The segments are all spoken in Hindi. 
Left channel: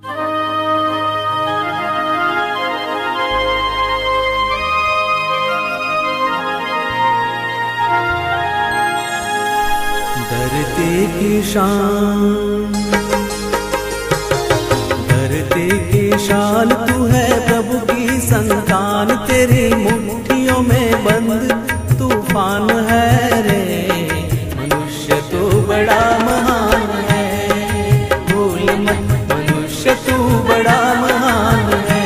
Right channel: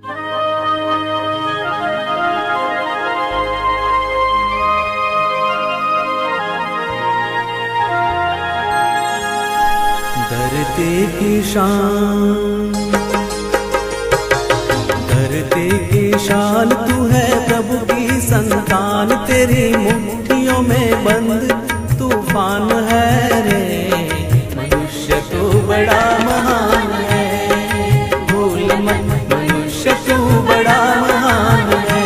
धरती की शान धरती की शान तू है प्रभु की संतान, तेरी मुट्ठियों में बंद तूफ़ान है रे। मनुष्य तो बड़ा महान है बड़ा महान है।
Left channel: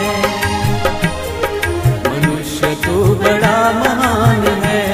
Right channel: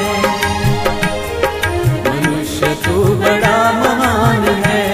मनुष्य तू बड़ा महान है।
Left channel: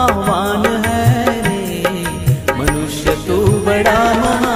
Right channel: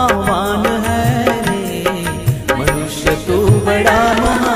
आह्वान है रे। मनुष्य तू बड़ा महान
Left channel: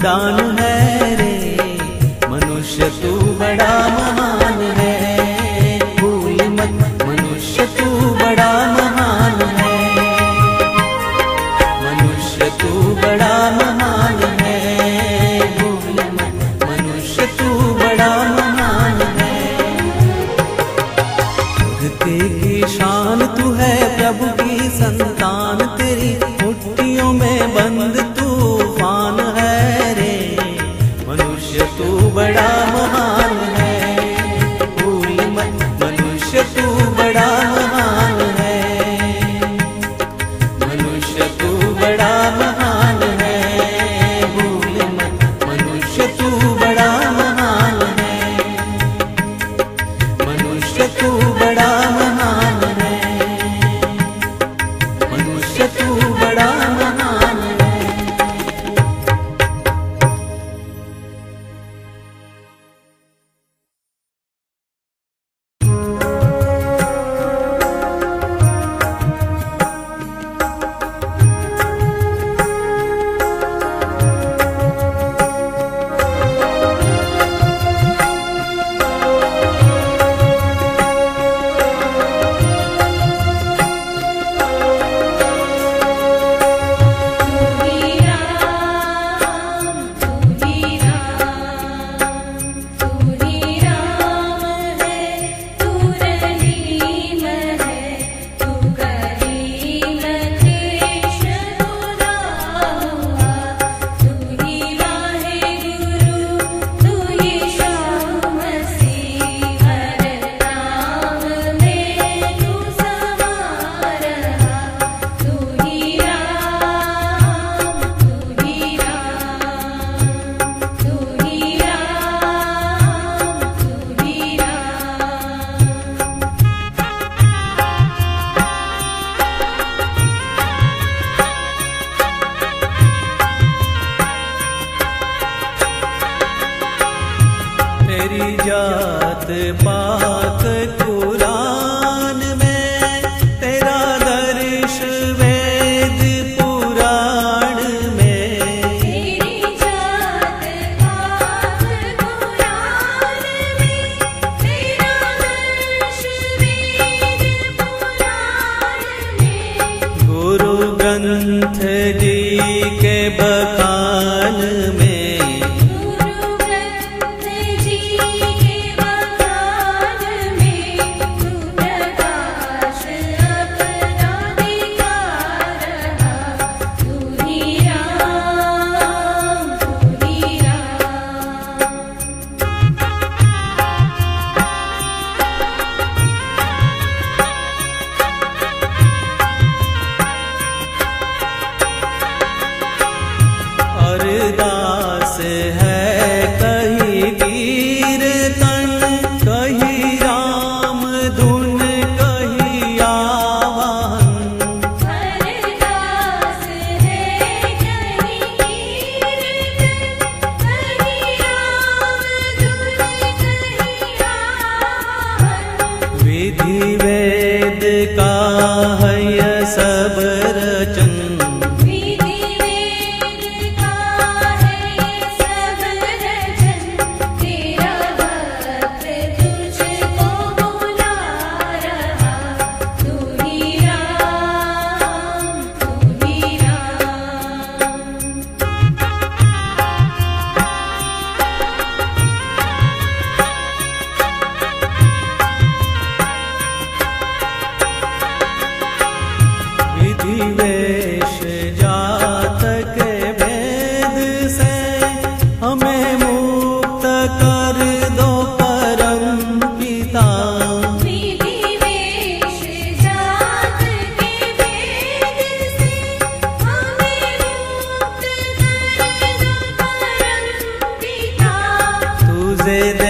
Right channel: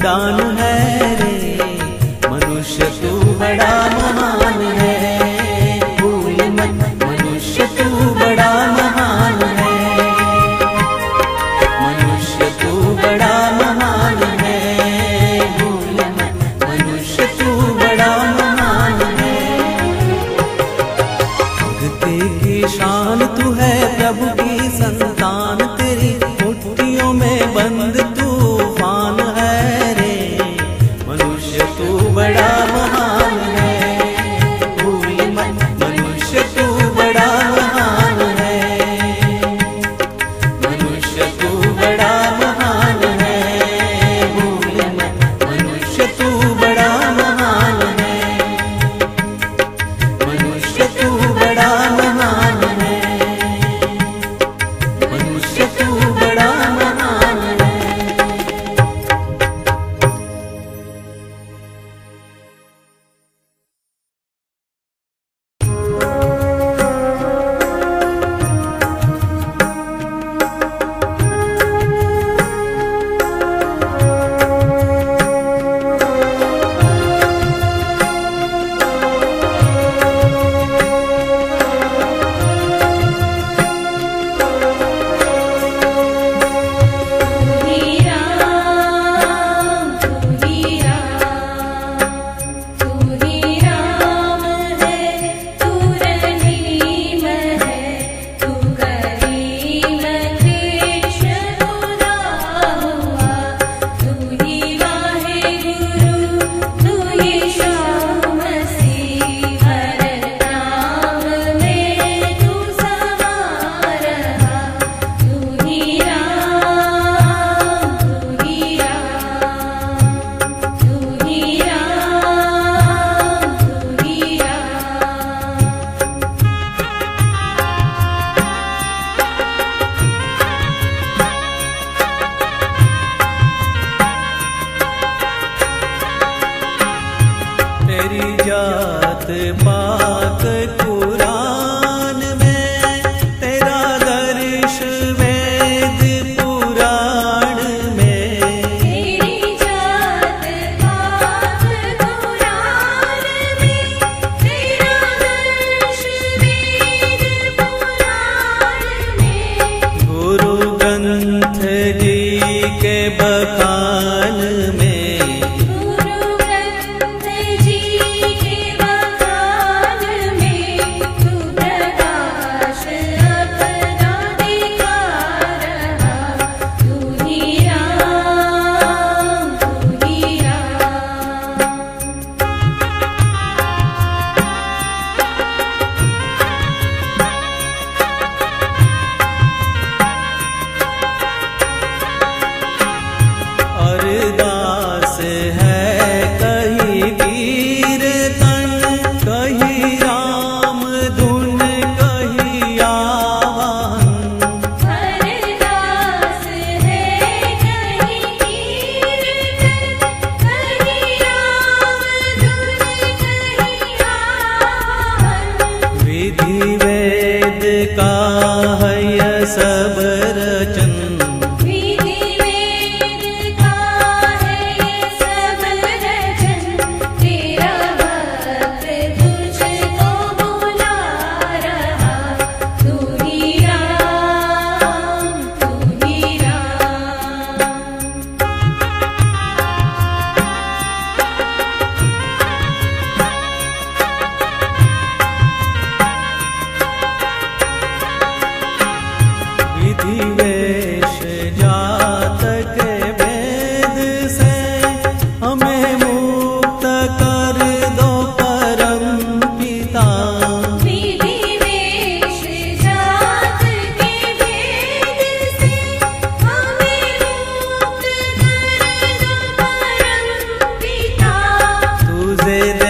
उड़ान है रे। मनुष्य तू बड़ा महान है। भूल मत, मनुष्य तू बड़ा महान है। मनुष्य तू बड़ा महान है। भूल मत, मनुष्य तू बड़ा महान है। धरती की शान तू है, प्रभु की संतान तेरी। मुट्ठियों में बंद तूफ़ान है रे। मनुष्य तू बड़ा महान है। भूल मत, मनुष्य तू बड़ा महान है। मनुष्य तू बड़ा महान है। भूल मत, मनुष्य तू बड़ा महान है। मनुष्य तू बड़ा महान है। मनुष्य तू बड़ा मेरी जात पाक कुरान sevda. वेश के भेद से हमें मुक्त कर दो परम पिता। तुझे दे